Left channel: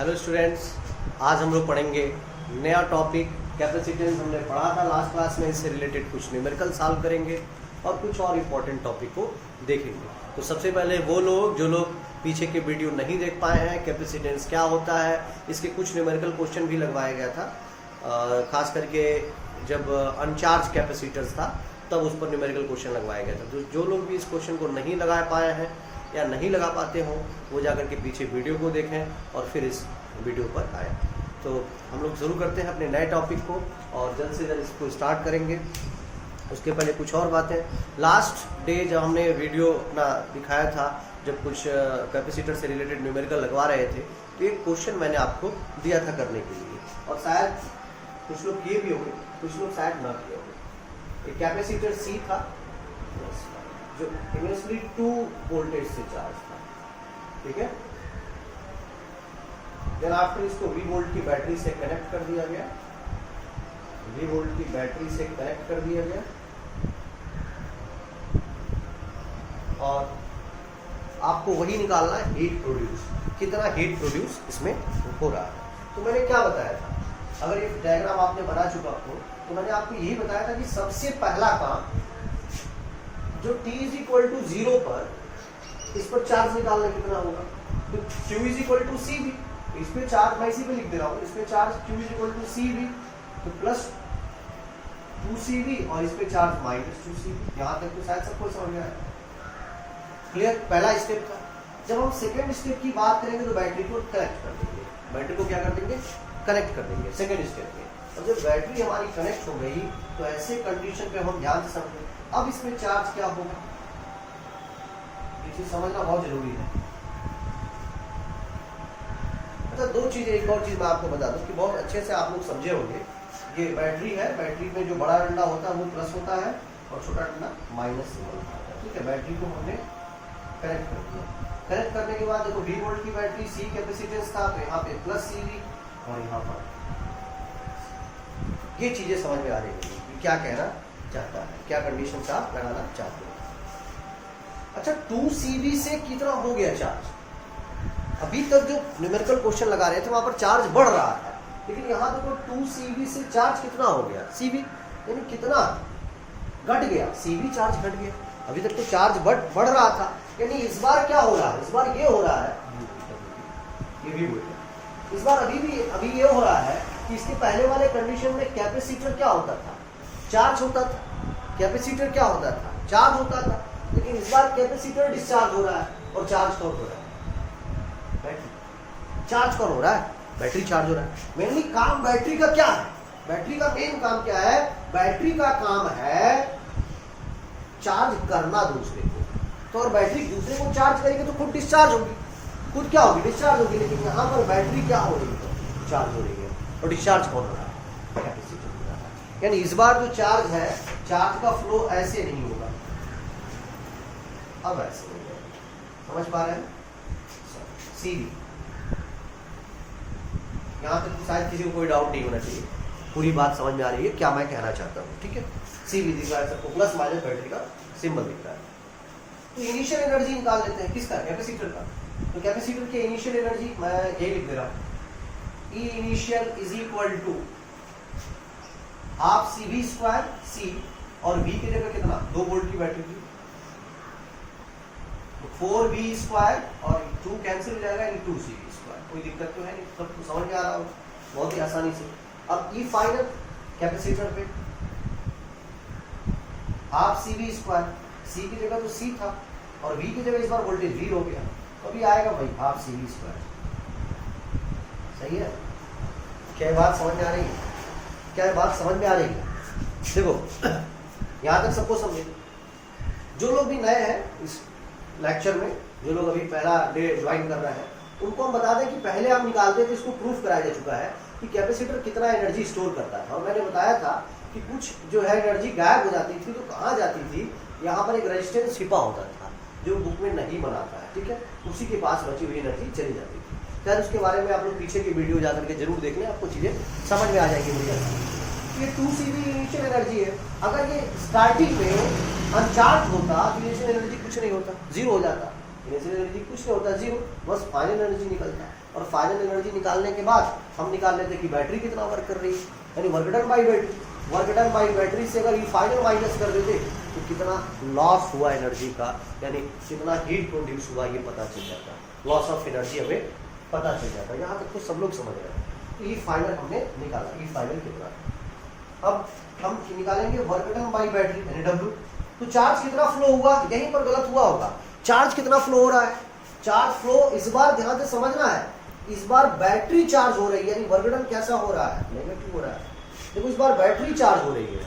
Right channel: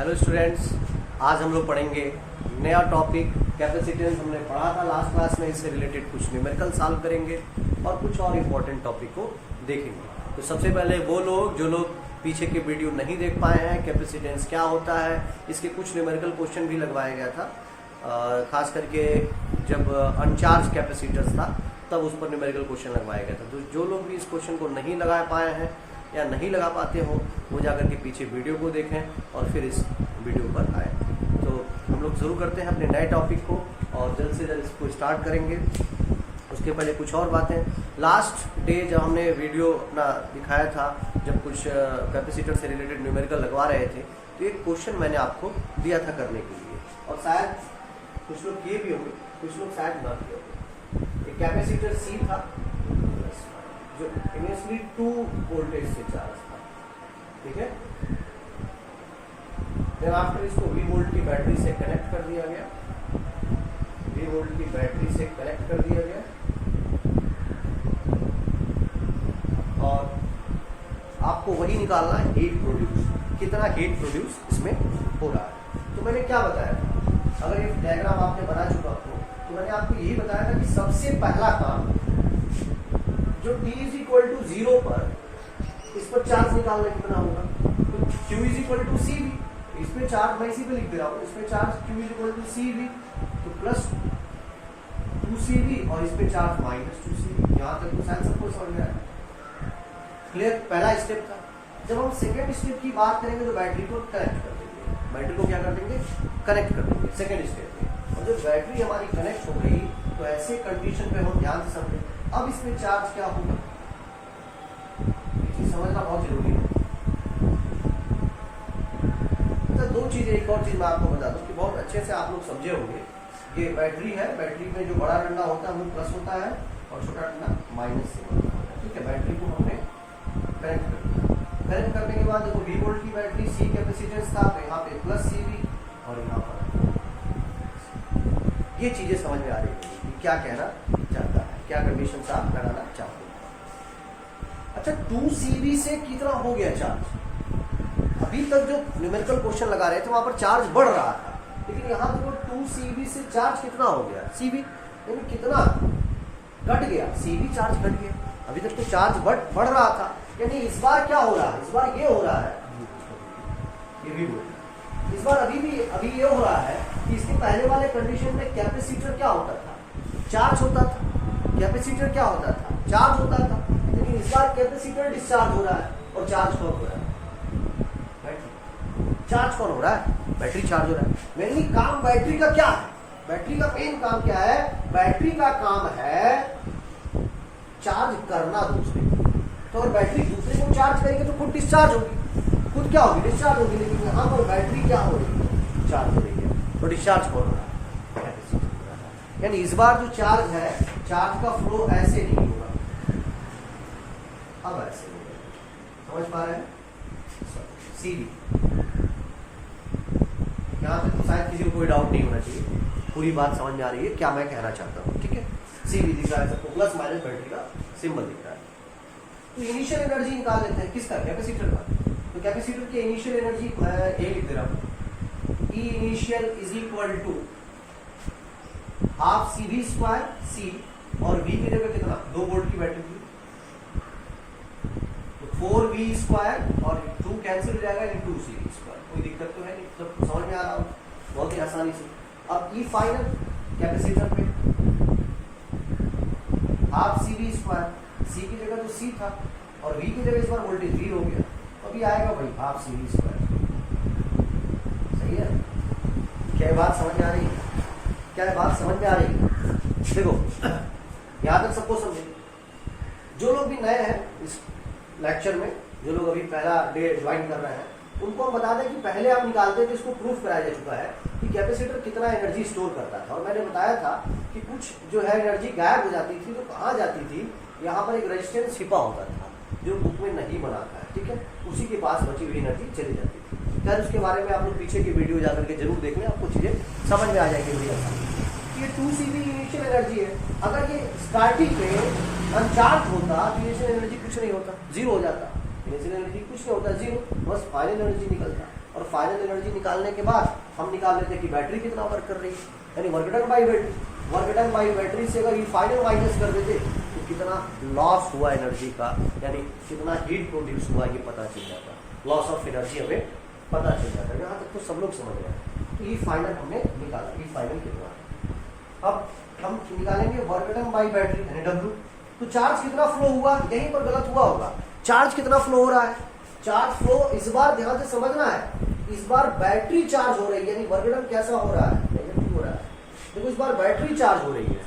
Hello students, आज हम लोग पढ़ेंगे नया टॉपिक कैपेसिटेंस। हमने पढ़ा था लास्ट क्लास में, इससे रिलेटेड कुछ न्यूमेरिकल सॉल्व करेंगे और कुछ और इम्पोर्टेंट टॉपिक को देखेंगे। तो सबसे पहले वो लोग जो लोग पीछे के वीडियो नहीं देख पाए हैं, कैपेसिटेंस क्या होता है, इसके कुछ न्यूमेरिकल क्वेश्चन भी लगवाया गया था। खास करके जब अनचार्ज कैपेसिटर्स था तब उस पर न्यूमेरिकल क्वेश्चन लगवाया गया था। तो जो लोग भी इस क्वेश्चन को नहीं लगा पाए हैं या नहीं लगा पाते हो, वो जाकर के पीछे वीडियो को देखें और फिर इस वीडियो पर आए। तो हम लोग शुरू करते हैं अपने नए टॉपिक को और जल्द से जल्द इसको स्टार्ट करेंगे। उसके पहले कुछ और बातें, लास्ट डे जब हमने वीडियो अपना दिखाया था, जब कुछ कैपेसिटर से रिलेटेड न्यूमेरिकल लगवा रहे थे, तो एक क्वेश्चन मैंने आपको दिया था करने के लिए और शायद कुछ लोग किए भी होंगे, कुछ लोग शायद ना किए होंगे। एक कैपेसिटर सी था जो इनिशियली 2 वोल्टेज से चार्ज था, ठीक है। देन आफ्टर इसको V वोल्ट की बैटरी से कनेक्ट कर दिया गया, V वोल्ट की बैटरी से कनेक्ट कर दिया गया और आपको वही निकालना है, हीट प्रोड्यूस, कितना हीट प्रोड्यूस इसमें हो रहा है। तो मैंने क्या बताया था, अगर ये डायग्राम आपने बना चुका हो तो मैंने आपको यही बताया था कि सबसे पहला काम जो t इज इक्वल टू 0 पर इस पर चार्ज निकालना कितना होगा, तो q is equal to C V, इस पे चार्ज मैं इसी पे लिख दे रहा हूँ, इस पे charge q is equal to C V, तो प्लस 2cv और इस पे चार्ज माइनस 2cv। यहाँ तक तो शायद सबको समझ में आया, क्लियर। पहला स्टेप था। जब हम सेकेंड स्टेप की बात करेंगे तो बैटरी को कनेक्ट कर देंगे, बैटरी को क्या कर देंगे, कनेक्ट कर देंगे सेकेंड स्टेप में। और जब बैटरी हमारी कनेक्ट हो गई तो ऐसे कंडीशन पे हम ध्यान से समझें, अब इसमें चार्ज क्या होगा, ये चीज समझना बहुत जरूरी है। तो दो चीजें, एक और चीज मैं आपको बता दूं कि बहुत अच्छे से आप लोग समझे होंगे। ये बैटरी है, बैटरी में जो बड़ा डंडा होता है वो प्लस होता है और छोटा डंडा माइनस से होता है, ठीक है। बैटरी को हमने कनेक्ट कर दिया, कनेक्ट करने के बाद देखो V वोल्ट की बैटरी, C कैपेसिटेंस था, तो यहाँ पे प्लस CV और यहाँ पर ये चीजें समझ में आ रही है कि क्या कहना चाहता है, क्या कंडीशन आप लगाना चाहते हैं। अच्छा, 2cv से कितना हो गया चार्ज। अभी तक जो न्यूमेरिकल क्वेश्चन लगा रहे थे वहां पर चार्ज बढ़ रहा था, लेकिन यहाँ देखो 2cv से चार्ज कितना हो गया, cv यानी कितना घट गया, cv चार्ज घट गया। अभी तक तो चार्ज बढ़ रहा था, यानी इस बार क्या हो रहा है, इस बार ये हो रहा है, ये भी बोल, इस बार अभी ये हो रहा है कि इसके पहले वाले कंडीशन में कैपेसिटर क्या होता था, चार्ज होता था। कैपेसिटर क्या होता था, चार्ज होता था, लेकिन इस बार कैपेसिटर डिस्चार्ज हो रहा है और चार्ज कौन हो रहा है, बैटरी। चार्ज कौन हो रहा है, बैटरी चार्ज हो रहा है। मेनली काम बैटरी का क्या है, बैटरी का मेन काम क्या है, बैटरी का काम है चार्ज करना दूसरे को। तो अगर बैटरी दूसरे को चार्ज करेगी तो खुद डिस्चार्ज होगी, खुद क्या होगी, डिस्चार्ज होगी। लेकिन यहाँ पर बैटरी क्या हो रही है, चार्ज हो रही है, तो डिस्चार्ज कौन हो रहा है, कैपेसिटर हो रहा है। यानी इस बार जो चार्ज है, चार्ज का फ्लो ऐसे नहीं होगा, अब ऐसे होगा, समझ पा रहे हैं। CV यहाँ तक तो शायद किसी को कोई डाउट नहीं होना चाहिए, पूरी बात समझ में आ रही है क्या मैं कहना चाहता हूँ, ठीक है। CV दिख रहा है सबको, प्लस माइनस बैटरी का सिंबल दिख रहा है। तो इनिशियल एनर्जी निकाल लेते हैं, किसका, कैपेसिटर का। तो कैपेसिटर की इनिशियल एनर्जी मैं ये लिख दे रहा हूँ, E initial is equal to half CV square C और V की जगह कितना, 2 वोल्ट की बैटरी थी, 4V स्क्वायर और 2 कैंसिल हो जाएगा, यानी 2CV स्क्वायर। कोई दिक्कत तो है नहीं, सब समझ में आ रहा हो बहुत ही आसानी से। अब E फाइनल कैपेसिटर पे हाफ CV स्क्वायर, C की जगह तो C था और V की जगह इस बार वोल्टेज V हो गया, अभी आएगा भाई हाफ CV स्क्वायर। सही है, क्या बात समझ में आ रही है, क्या बात समझ में आ रही है। देखो यहाँ तक सबको समझे। जो लोग भी नए हैं इस लेक्चर में, जो लोग अभी पहला डे ज्वाइन कर रहे हैं, उनको हम बता दें कि पहले हम निकालते थे, इसको प्रूफ कराया जा चुका है कि कैपेसिटर कितना एनर्जी स्टोर करता है। और मैंने बताया था कि कुछ जो है एनर्जी गायब हो जाती थी, तो कहाँ जाती थी, यहाँ पर एक रेजिस्टेंस छिपा होता था जो बुक में नहीं बनाता है, ठीक है, उसी के पास बची हुई एनर्जी चली जाती थी। खैर उसके बारे में आप लोग पीछे की वीडियो जाकर के जरूर देख लें, आपको चीजें समझ में आ जाएगी बढ़िया। ये 2cv इनिशियल एनर्जी है, अगर ये स्टार्टिंग में अनचार्ज होता तो इनिशियल एनर्जी कुछ नहीं होता, जीरो हो जाता। इनिशियल एनर्जी कुछ नहीं होता, जीरो, बस फाइनल एनर्जी निकलता। और फाइनल एनर्जी निकालने के बाद हम निकाल लेते कि बैटरी कितना वर्क कर रही है, यानी work done by battery. Work done by battery से अगर ये फाइनल माइनस कर देते तो कितना लॉस हुआ एनर्जी का, यानी कितना हीट प्रोड्यूस हुआ ये पता चल जाता, लॉस ऑफ एनर्जी हमें पता चल जाता। यहाँ तक तो सब लोग समझ रहे हैं। तो ई फाइनल हमने निकाला, ई फाइनल कितना है। अब हम निकालेंगे वर्क डन बाई बैटरी यानी डब्ल्यू। तो चार्ज कितना फ्लो हुआ, यहीं पर गलत हुआ होगा। चार्ज कितना फ्लो हो रहा है, चार्ज फ्लो इस बार ध्यान से समझना है, इस बार बैटरी चार्ज हो रही है, यानी वर्क डन कैसा हो रहा है, नेगेटिव हो रहा है। देखो इस बार बैटरी चार्ज हो रही है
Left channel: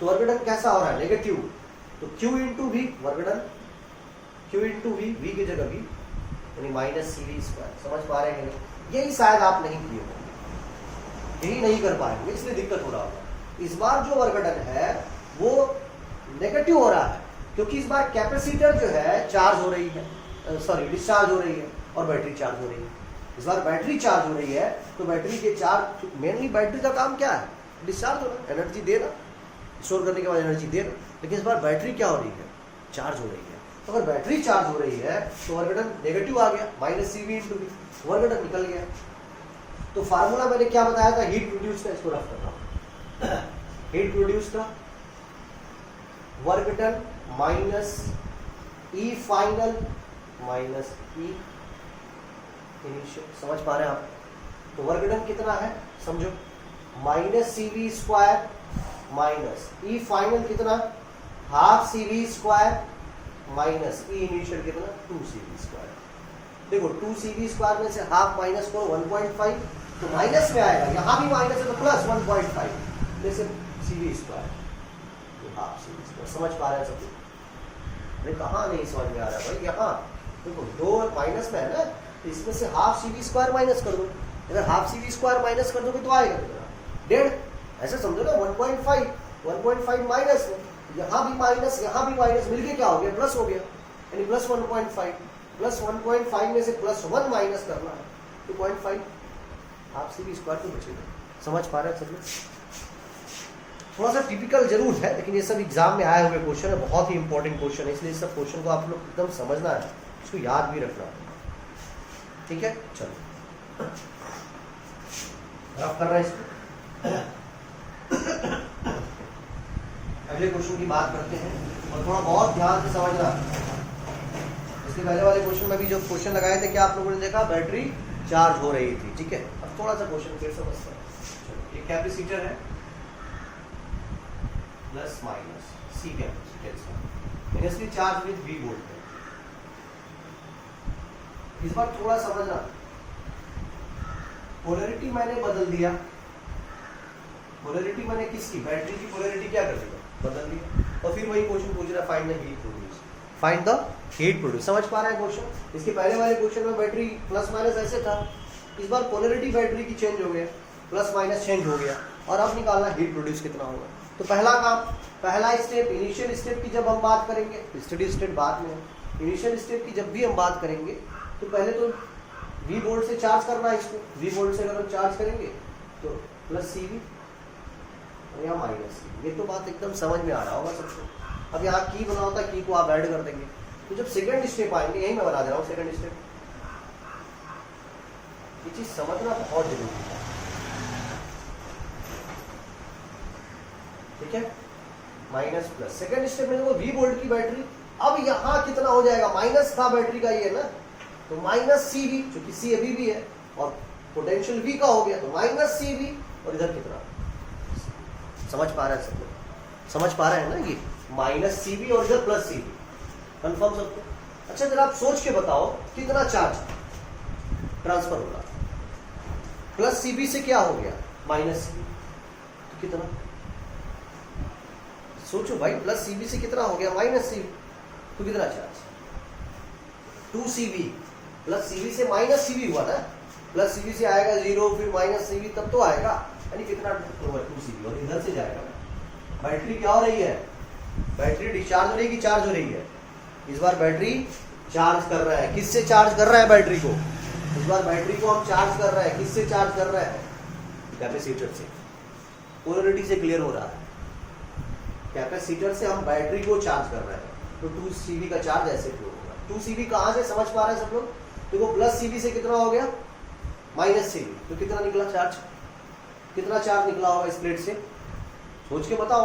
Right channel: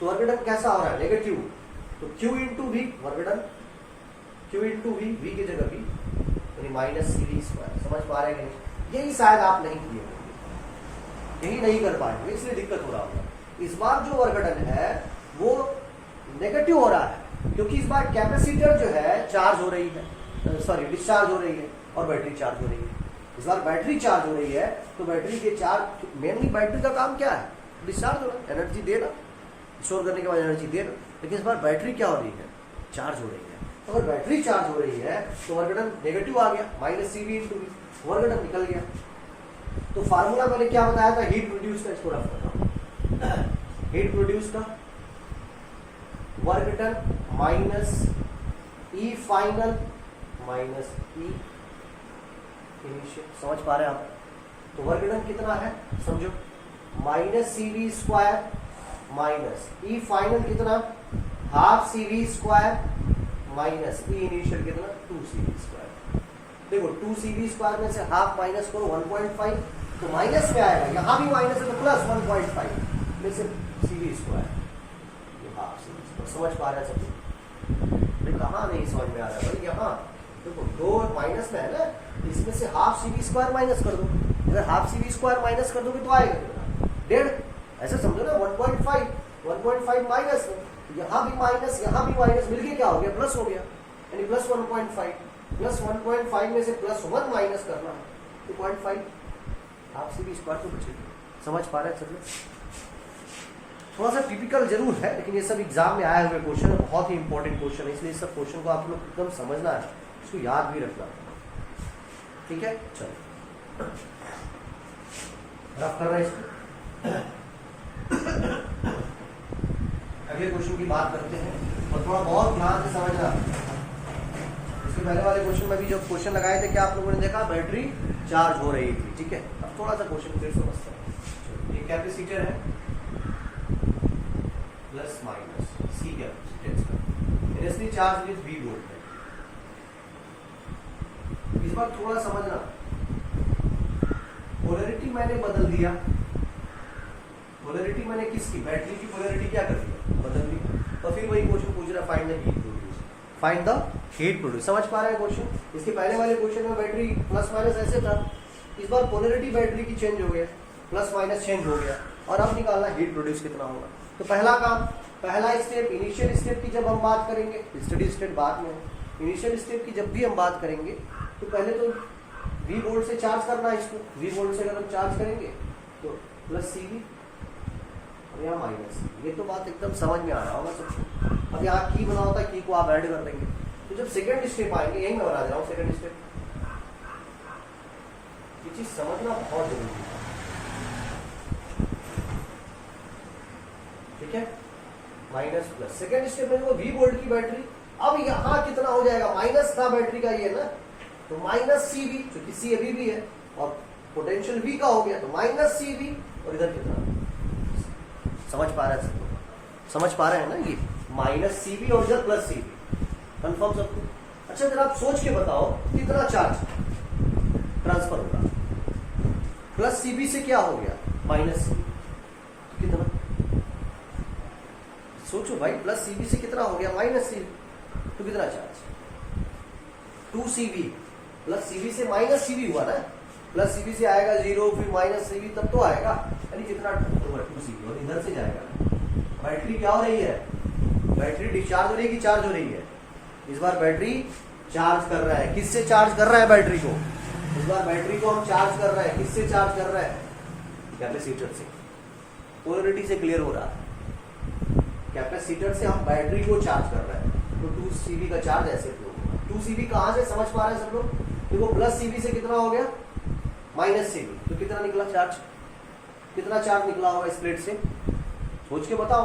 तो वर्क डन कैसा हो रहा है, नेगेटिव। तो Q into V work done, Q into V, V की जगह वी यानी माइनस सी वी स्क्वायर। समझ पा रहे हैं कि नहीं? यही शायद आप नहीं किए होंगे, यही नहीं कर पाएंगे, इसलिए दिक्कत हो रहा होगा। इस बार जो वर्क डन है वो नेगेटिव हो रहा है क्योंकि इस बार कैपेसिटर जो है चार्ज हो रही है, सॉरी डिस्चार्ज हो रही है और बैटरी चार्ज हो रही है। इस बार बैटरी चार्ज हो रही है तो बैटरी के चार्ज, मेनली बैटरी का काम क्या है, डिस्चार्ज होना, एनर्जी देना, स्टोर करने के बाद एनर्जी देना। लेकिन इस बार बैटरी क्या हो रही है, चार्ज हो रही है। तो अगर बैटरी चार्ज हो रही है तो वर्क डन नेगेटिव आ गया, minus C V into V, work done निकल गया। तो फार्मूला मैंने क्या बताया था, हीट प्रोड्यूस का, इसको रफ कर रहा हूं, हीट प्रोड्यूस का work done minus E final minus E initial. समझ पा रहे हैं आप? तो वर्क डन कितना है समझो, minus C V square minus E final कितना, half C V square minus E initial कितना, 2 सी वी स्क्वायर। देखो 2 सी वी स्क्वायर में से हाफ माइनस करो 1.5 तो माइनस में आएगा, यहां भी माइनस है तो प्लस 1.5 में से C V square, half C V square. समझ पा रहे हैं सब लोग? कहाँ नहीं समझ में आ रहा है भाई, यहाँ देखो 2 माइनस में है ना, इसमें से half C V square minus कर दो। अगर half C V square minus कर दोगे तो आएगा कितना, 1.5। ऐसे समझो ना, 1.5 माइनस में, यहाँ भी माइनस यहाँ भी माइनस, मिलके क्या हो गया, प्लस हो गया, यानी प्लस 1.5। प्लस 1.5 में से प्लस 1 माइनस करना है 2.5, हाफ सी वी स्क्वायर तो बचेगा। समझ पा रहे हैं सब लोग? थोड़ा सा टिपिकल जरूर है लेकिन ये सब एग्जाम में आए हुए क्वेश्चन है, बहुत ही इंपॉर्टेंट क्वेश्चन है, इसलिए इस सब क्वेश्चन को आप लोग एकदम समझना है, इसको याद भी रखना है। ठीक है, चलो रफ कर रहे हैं इसको। अगले क्वेश्चन की बात करते हैं और थोड़ा बहुत ध्यान से समझना। इसके पहले वाले क्वेश्चन में भी जो क्वेश्चन लगाए थे क्या आप लोगों ने देखा, बैटरी चार्ज हो रही थी। ठीक है, अब थोड़ा सा क्वेश्चन फिर समझते हैं। ये कैपेसिटर है प्लस माइनस सी कैपेसिटेंस, इसलिए चार्ज विद वी वोल्ट है। इस बार थोड़ा समझना, पोलैरिटी मैंने बदल दिया, पोलैरिटी मैंने किसकी, बैटरी की पोलैरिटी क्या कर दिया, बदल दिया। और फिर वही क्वेश्चन पूछ रहा है, find the heat produce, find the heat produce. समझ पा रहे हैं क्वेश्चन? इसके पहले वाले क्वेश्चन में बैटरी प्लस माइनस ऐसे था, इस बार पोलैरिटी बैटरी की चेंज हो गया, प्लस माइनस चेंज हो गया, और अब निकालना हीट प्रोड्यूस कितना होगा। तो पहला काम, पहला स्टेप, इनिशियल स्टेप की जब हम बात करेंगे, स्टडी स्टेट बाद में है, इनिशियल स्टेप की जब भी हम बात करेंगे तो पहले तो वी वोल्ट से चार्ज करना है इसको। वी वोल्ट से अगर हम चार्ज करेंगे तो प्लस सी वी और यहाँ माइनस, ये तो बात एकदम समझ में आ रहा होगा सबको। अब यहाँ की बना होता है, की को आप ऐड कर देंगे। तो जब सेकंड स्टेप आएंगे, यही मैं बना दे रहा हूँ सेकंड स्टेप, ये चीज समझना बहुत जरूरी है। ठीक है, माइनस प्लस, सेकंड स्टेप में देखो वी वोल्ट की बैटरी, अब यहाँ कितना हो जाएगा, माइनस था बैटरी का ये ना, तो माइनस सी वी, क्योंकि सी अभी भी है और पोटेंशियल वी का हो गया, तो माइनस सी वी, और इधर कितना, समझ पा रहे हैं सब लोग? समझ पा रहे हैं ना, ये माइनस सी वी और इधर प्लस सी वी, कंफर्म सबको? अच्छा जरा आप सोच के बताओ कितना चार्ज ट्रांसफर हो रहा, प्लस सी वी से क्या हो गया, माइनस सी वी, तो कितना, सोचो भाई, प्लस सी वी से कितना हो गया, माइनस सी वी, तो कितना charge, 2 C V, plus C V से माइनस सी वी हुआ ना, प्लस सी वी से आएगा 0, फिर माइनस सी वी, तब तो आएगा, यानी कितना हुआ 2 सी वी, और इधर से जाएगा। बैटरी क्या हो रही है, बैटरी डिस्चार्ज हो रही है कि चार्ज हो रही है? इस बार बैटरी चार्ज कर रहा है, किससे चार्ज कर रहा है बैटरी को, इस बार बैटरी को हम चार्ज कर रहे हैं, किससे चार्ज कर रहे हैं, कैपेसिटर से। पोलैरिटी से क्लियर हो रहा है, कैपेसिटर से हम बैटरी को चार्ज कर रहे हैं, तो 2 सी वी का चार्ज ऐसे फ्लो होगा। 2 सी वी कहां से, समझ पा रहे हैं सब लोग? देखो प्लस सी वी से कितना हो गया, माइनस CV, तो कितना निकला चार्ज, कितना चार्ज निकला होगा इस प्लेट से, सोच के बताओ।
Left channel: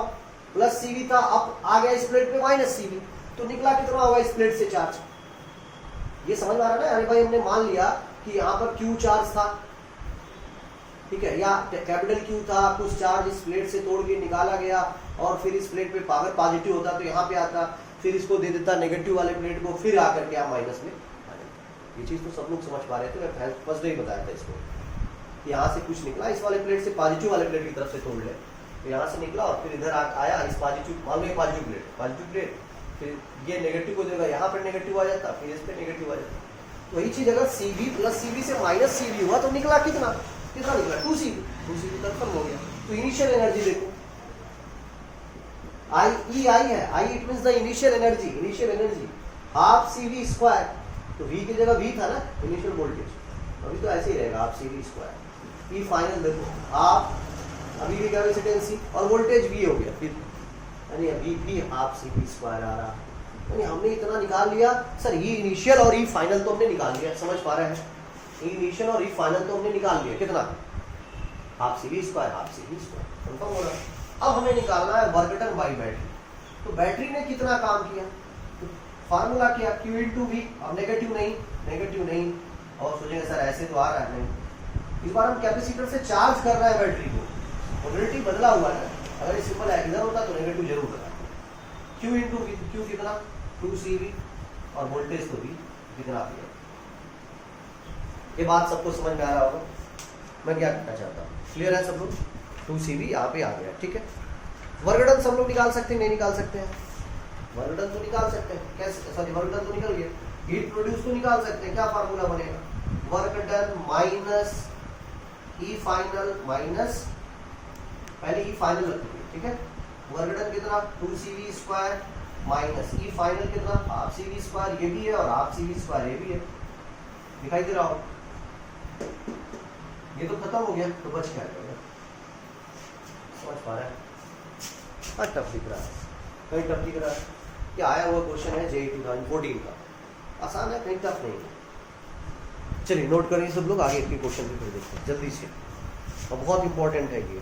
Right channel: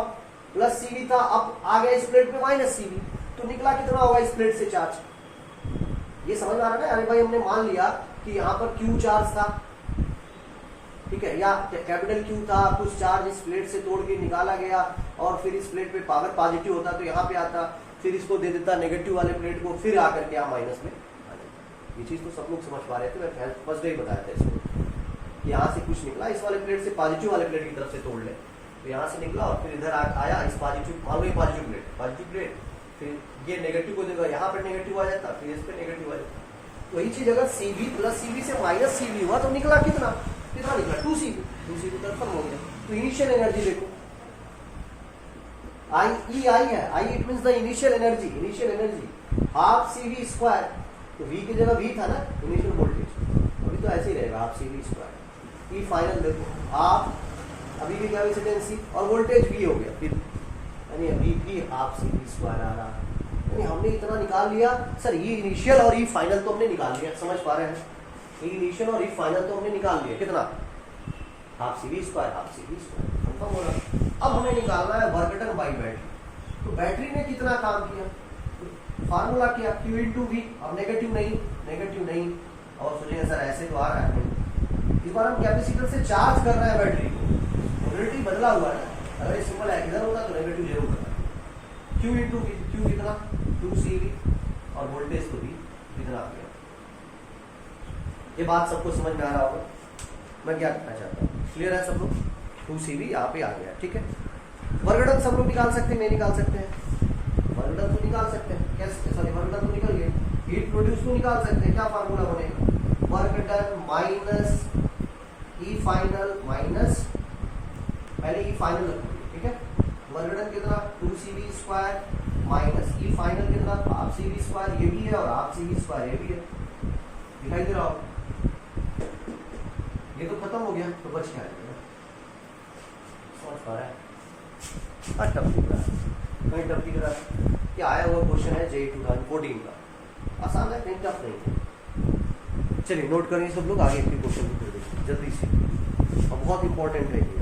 प्लस CV था, अब आ गया इस प्लेट पे माइनस CV, तो निकला कितना होगा इस प्लेट से चार्ज। ये समझ में आ रहा है ना। अरे भाई हमने मान लिया कि यहाँ पर Q चार्ज था, ठीक है, या कैपिटल Q था, कुछ चार्ज इस प्लेट से तोड़ के निकाला गया और फिर इस प्लेट पे पावर पॉजिटिव होता तो यहाँ पे आता, फिर इसको दे देता नेगेटिव वाले प्लेट को, फिर आकर के यहाँ माइनस में आ जाता। ये चीज तो सब लोग समझ पा रहे थे, मैं फर्स्ट डे ही बताया था इसको। यहाँ से कुछ निकला, इस वाले प्लेट से पॉजिटिव वाले प्लेट की तरफ से तोड़ ले, तो यहाँ से निकला और फिर इधर आया इस पॉजिटिव, मान लो ये पॉजिटिव प्लेट, फिर ये नेगेटिव को देगा, यहाँ पे नेगेटिव आ जाता, फिर इस पे नेगेटिव आ जाता। वही चीज अगर CV प्लस CV से माइनस CV हुआ तो निकला कितना, कितना निकला 2CV कंफर्म हो गया। तो इनिशियल एनर्जी देखो, आई है, I it means the initial energy half CV square, तो V की जगह V था ना इनिशियल वोल्टेज, अभी तो ऐसे ही रहेगा हाफ CV स्क्वायर। ई फाइनल देखो हाफ, अभी की कैपेसिटेंस और वोल्टेज V हो गया, फिर यानी अभी भी हाफ CV स्क्वायर आ रहा, यानी हमने इतना निकाल लिया। सर ये इनिशियल और ई फाइनल तो हमने निकाल लिया, समझ पा रहे हैं, इनिशियल और ई फाइनल तो हमने निकाल लिया, कितना हाफ CV स्क्वायर कंफर्म हो रहा। अब हमें निकालना है वर्क डन बाई बैटरी। तो बैटरी ने कितना काम किया, फार्मूला क्या, Q इंटू V। अब नेगेटिव नहीं, और सोचेंगे सर ऐसे तो आ रहा है, नहीं, इस बार हम कैपेसिटर से चार्ज कर रहे हैं बैटरी को, पोलैरिटी बदला हुआ है। अगर ये सिंपल इधर होता तो नेगेटिव जरूर होता। Q इंटू V, Q कितना 2CV और वोल्टेज को भी कितना दिया। ये बात सबको समझ में आ रहा होगा, मैं क्या कहना चाहता हूँ, क्लियर है सब लोग। 2CV यहाँ पे आ गया, ठीक है। वर्क डन सब लोग निकाल सकते हैं, नहीं निकाल सकते हैं, वर्क डन तो निकाल सकते हैं, कैसे, सॉरी वर्क डन तो निकल गया, हीट प्रोड्यूस तो निकाल सकते हैं। क्या फार्मूला बनेगा, work done minus E final minus, पहले ई फाइनल रखेंगे, ठीक है। वर्क डन कितना 2CV square minus E final कितना हाफ CV स्क्वायर, ये भी है, और हाफ CV स्क्वायर ये भी है, दिखाई दे रहा हो। ये तो खत्म हो गया, तो बच क्या जाएगा, समझ पा रहा है। टफ दिख रहा है, कहीं टफ दिख रहा है, क्या आया हुआ क्वेश्चन है JEE 2014 का, आसान है, कहीं टफ नहीं है। चलिए नोट करिए सब लोग, आगे के क्वेश्चन भी फिर देखते हैं जल्दी से, और बहुत इंपॉर्टेंट है ये,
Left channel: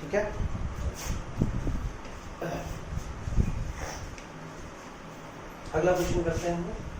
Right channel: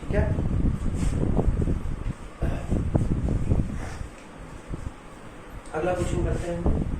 ठीक है। अगला क्वेश्चन करते हैं।